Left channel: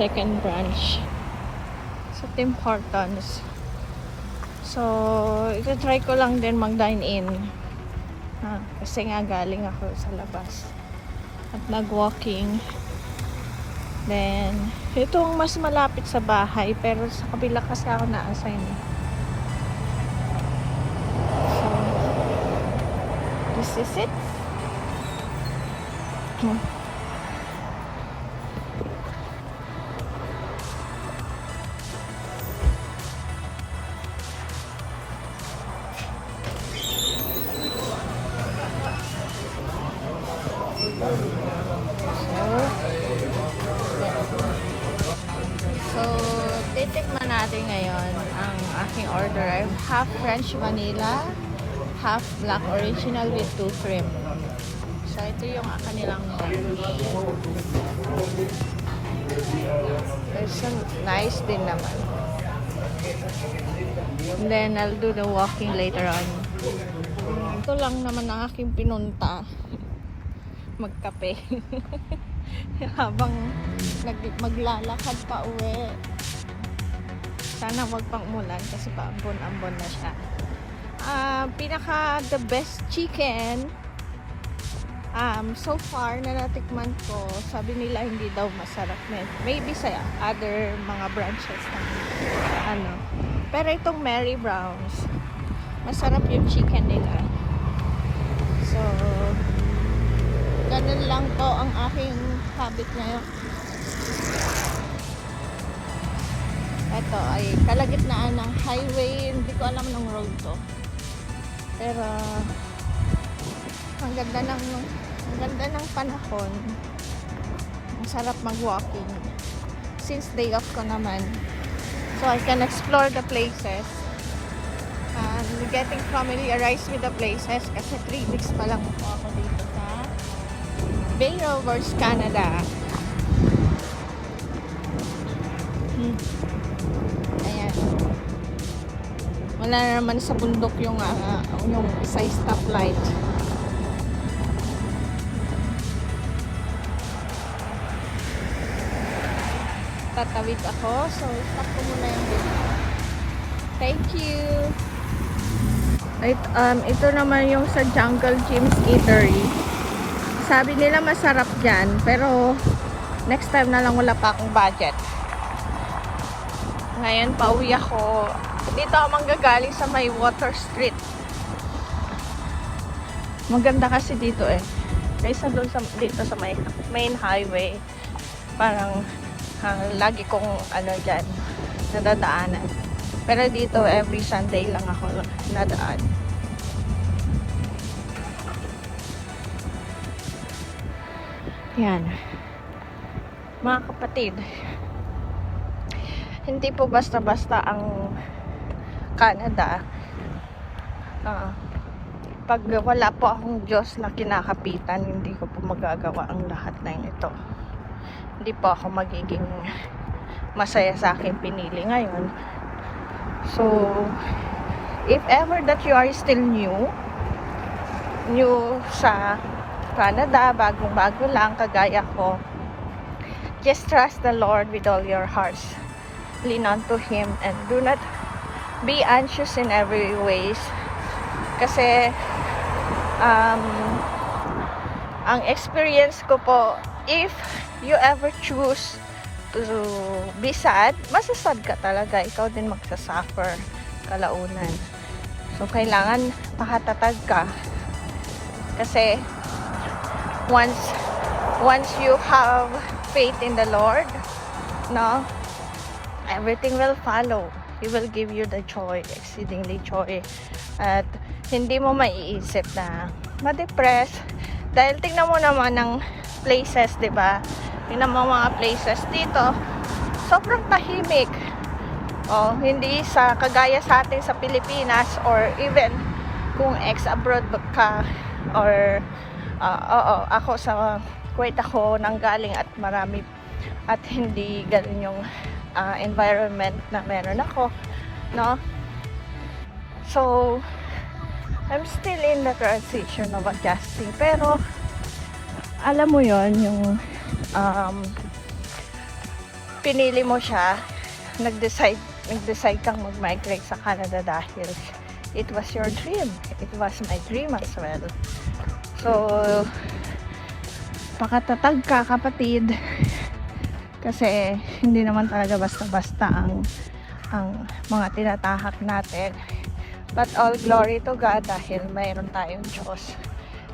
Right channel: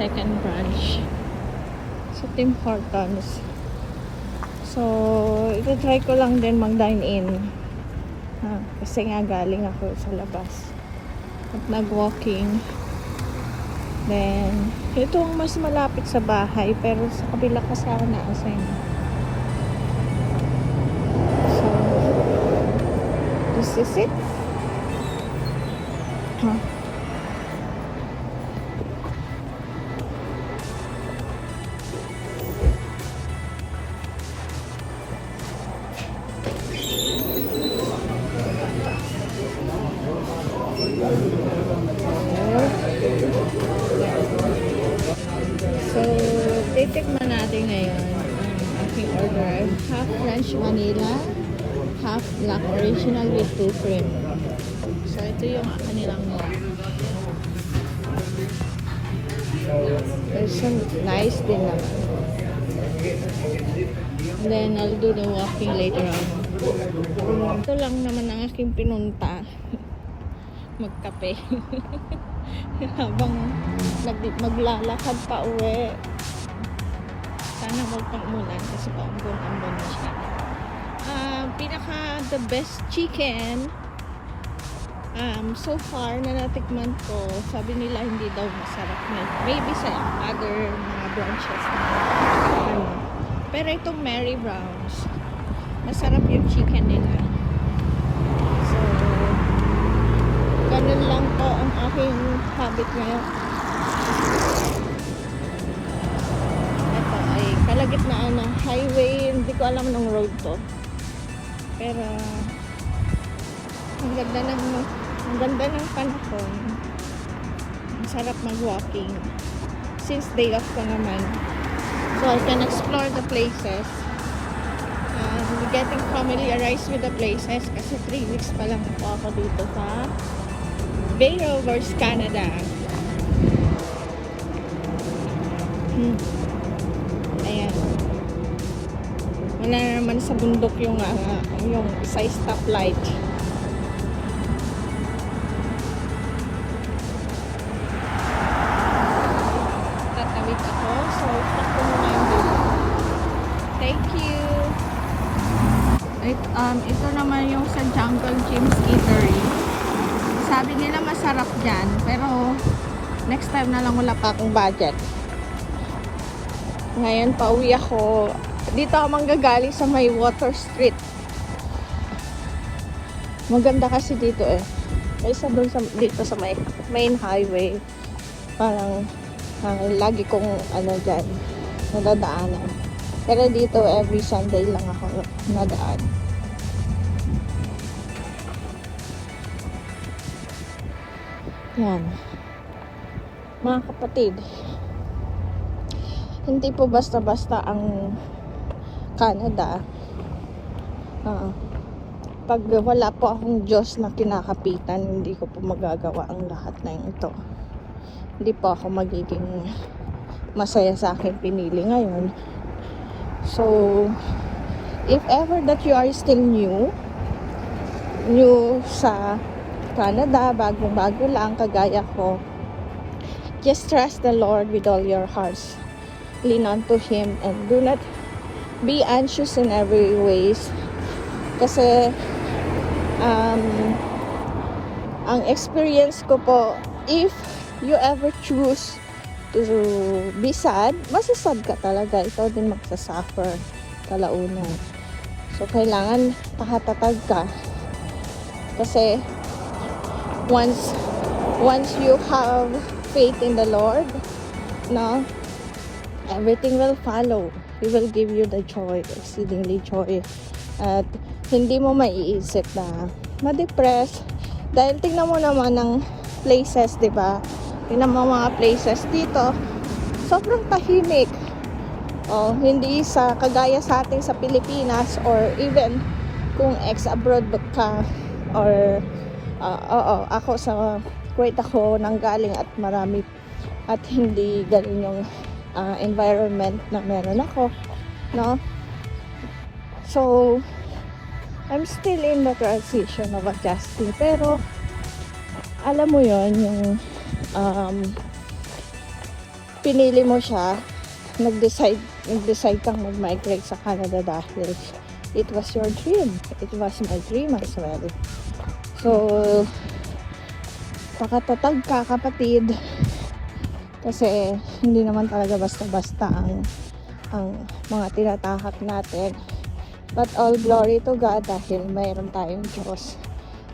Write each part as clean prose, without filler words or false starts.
second branch sa Tim Hortons. So, ito-try ko lang din mag-dine in. Kasi nga galing ako sa labas at nag-walking. Then, itong mas malapit sa bahay pero sa kabila kasi ako na-assign. So, this is it. So, titikman natin ngayon ang aking order. I have half French vanilla, half black original with 2 cream. So, ito yung kanilang menu. So, nice din naman. And then, I'll do the walking later on. Ito lang naman ang aking pinunta. Magkape. Habang maglalakad pa uwi. Sana wag pang umulan kasi paambon-ambon na siya. Pinaka the best chicken so far na natikman ko, sabi nila hindi daw masarap na. Maybe sa other mga branches pero itong Mary Brown's masarap yung chicken nila. So ganun lang po ang aking habit ngayon. Ito ay kalagitnaan ng highway, hindi ko alam ng road to, pero ang ganda ng panahon. Masarap mag-walking since day off ko naman, so I can explore the places. Getting familiarized with the places kasi 3 weeks pa lang ako dito sa Bay Rovers, Canada. Ayan. Wala naman sa bundok yung sa stoplight. Tatawid ako. So, stop ko muna yung video. Thank you. Ito naman yung sa Jungle Jim's Eatery. Sabi nila masarap dyan, pero next time na lang, wala pa akong budget. Ngayon pauwi ako. Dito ako manggagaling sa may Water Street. Maganda kasi dito kaysa doon dito sa main highway. Parang lagi kong dyan nadadaanan. Pero dito every Sunday lang ako nadaan. Yan. Mga kapatid, hindi po basta-basta ang Canada. Pag wala po akong Diyos na kinakapitan, hindi ko po magagawa ang lahat ng ito. Hindi po ako magiging masaya sa aking pinili ngayon. So, if ever that you are still new sa Canada, bagong-bago lang, kagaya ko, just trust the Lord with all your hearts. Lean unto Him and do not be anxious in every ways. Kasi, ang experience ko po, if you ever choose to be sad, masasad ka talaga. Ikaw din magsasuffer kalaunan. So, kailangan pakatatag ka. Kasi, once you have faith in the Lord, no, everything will follow. He will give you the joy, exceedingly joy. At hindi mo maiisip na ma-depress. Dahil tingnan mo naman ng places, di ba? Tingnan mo mga places dito, sobrang tahimik. Hindi sa kagaya sa atin sa Pilipinas, or even kung ex-abroad ka, or ako sa Kuwait ako nanggaling at marami at hindi ganun yung environment na meron ako, no? So, I'm still in the transition of adjusting, pero alam mo yon yung pinili mo siya, nag-decide kang mag-migrate sa Canada dahil it was your dream. It was my dream as well. So, pakatatag ka, kapatid. Kasi hindi naman talaga basta-basta ang mga tinatahak natin. But all glory to God dahil mayroon tayong Diyos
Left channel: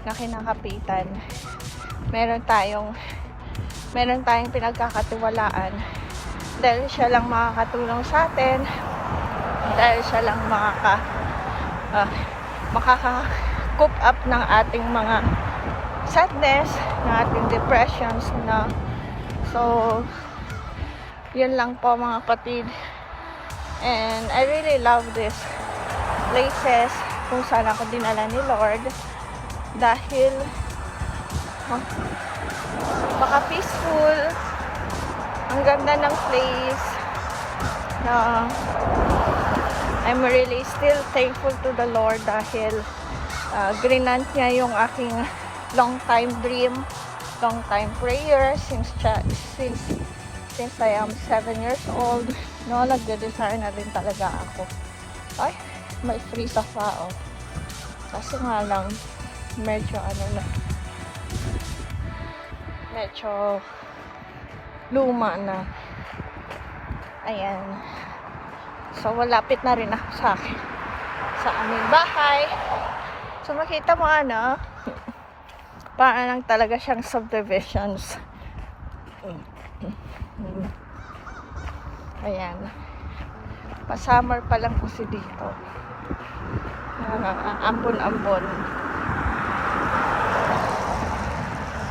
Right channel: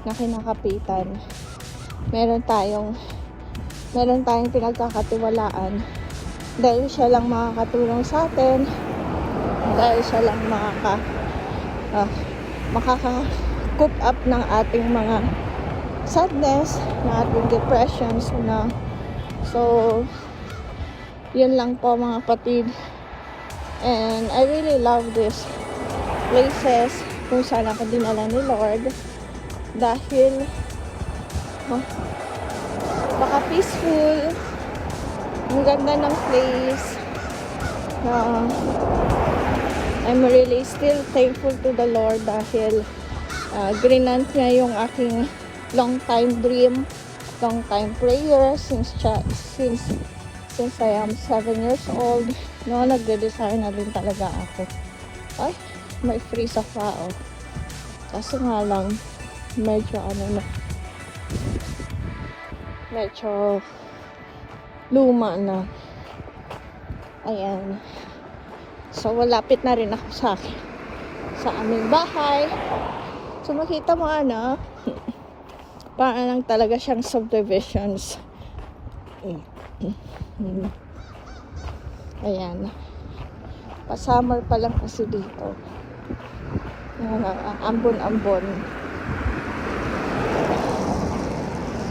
na kinakapitan. Meron tayong pinagkakatiwalaan dahil siya lang makakatulong sa atin, dahil siya lang makaka-coop up ng ating mga sadness, ng ating depressions na. So yun lang po mga kapatid, and I really love these places kung saan ako dinala ni Lord dahil baka peaceful, ang ganda ng place na I'm really still thankful to the Lord dahil grinant niya yung aking long time dream, long time prayer since I am 7 years old. No, nagde-desire na din talaga ako. Ay, may freeze ako oh. Kasi nga lang medyo medyo luma na. Ayan. So, malapit na rin ako sa aming bahay. So, makita mo parang lang talaga siyang subdivisions. Ayan. Pa-summer pa lang kasi dito. Ambon-ambon.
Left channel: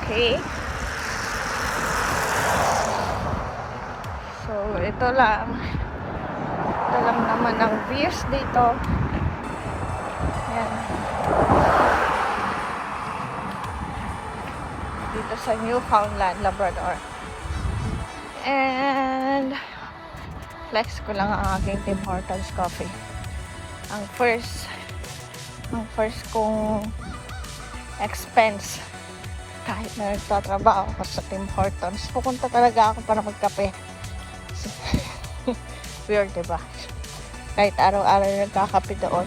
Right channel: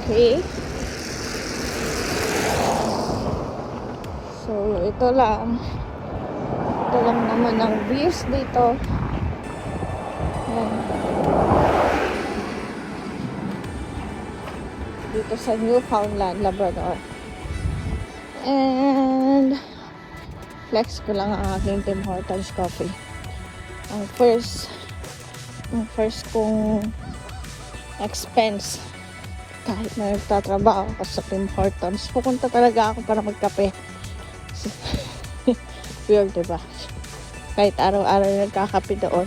Okay. So, ito lang naman ang views dito. Ayan. Dito sa Newfoundland, Labrador. And flex ko lang ang aking Tim Hortons coffee. Ang first kong expense kahit na nagtatrabaho ako sa Tim Hortons, pupunta talaga ako para magkape. Weird, diba? Kahit araw-araw nagkakape doon,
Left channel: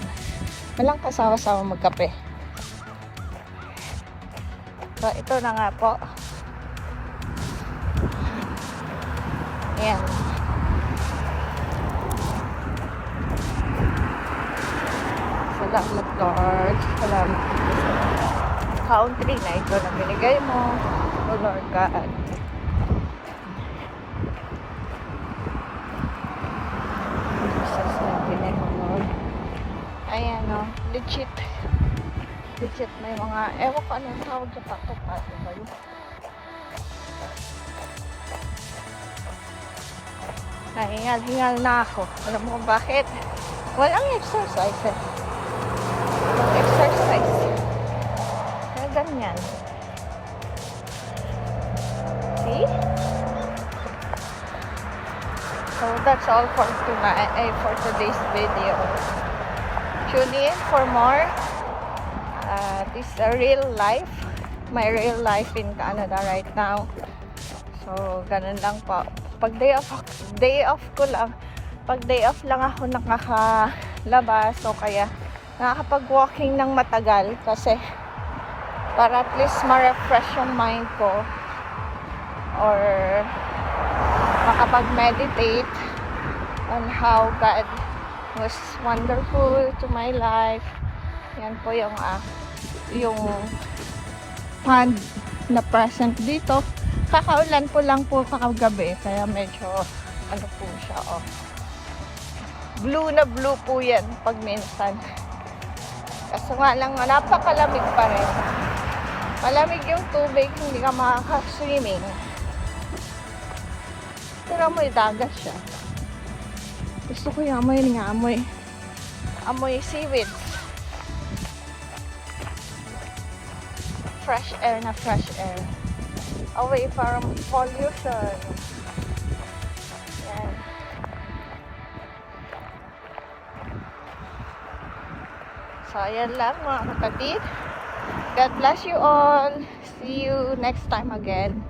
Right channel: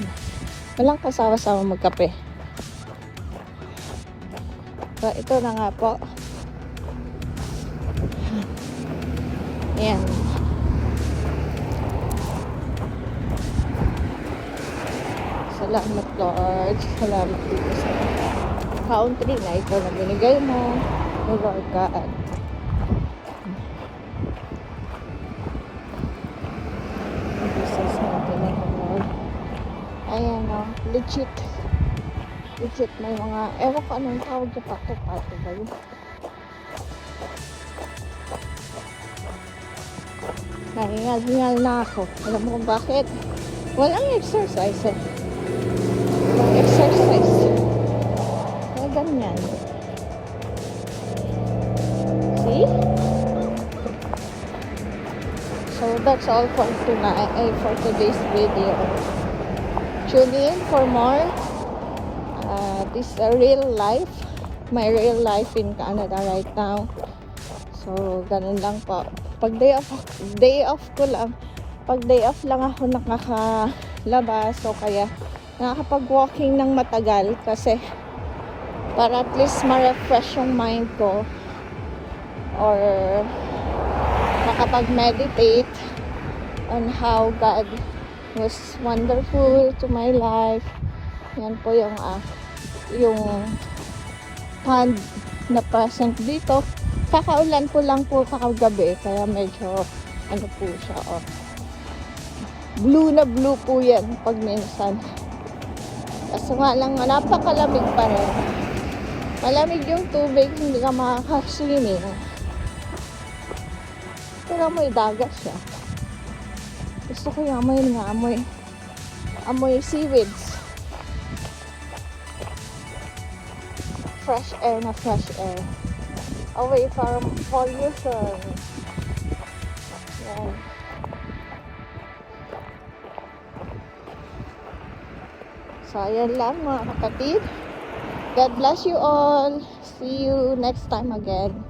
walang kasama-sama magkape. So, ito na nga po. Ayan. Salamat Lord. Salamat dito sa country na ito na binigay mo. O Lord God. Jesus natin ito Lord. Ayan o. Legit may mga, ewan ko anong tawag sa pato-pato ba yun? Nahingal na ako. Alam mo kung bakit? Walang exercise eh. Exercise. Kaya ganyan. See? So that's all for tonight, for today's video. Tune in for more. This is a real life. My real life in Canada right now. So ganun lang po. Pag day off ko lang, pag day off lang ako nakakalabas, so kaya nakakapag-walking ng matagal kasi para at least ma-refresh yung mind ko or makapag-meditate on how God was wonderful to my life. Yan po yung hand na present dito. Kakaulan po lang po kakagabi kaya medyo po siya blue na blue po yan pag minsan. Kaso nga lang napakalamig pa rin. Malamig yung tubig, hindi ka makaka-swimming. Pero amoy dagat siya. Gusto ko yung amoy seaweeds. Fresh air na fresh air. Away from pollution. Yan. So, ayan lang mga kapatid. God bless you all. See you next time again.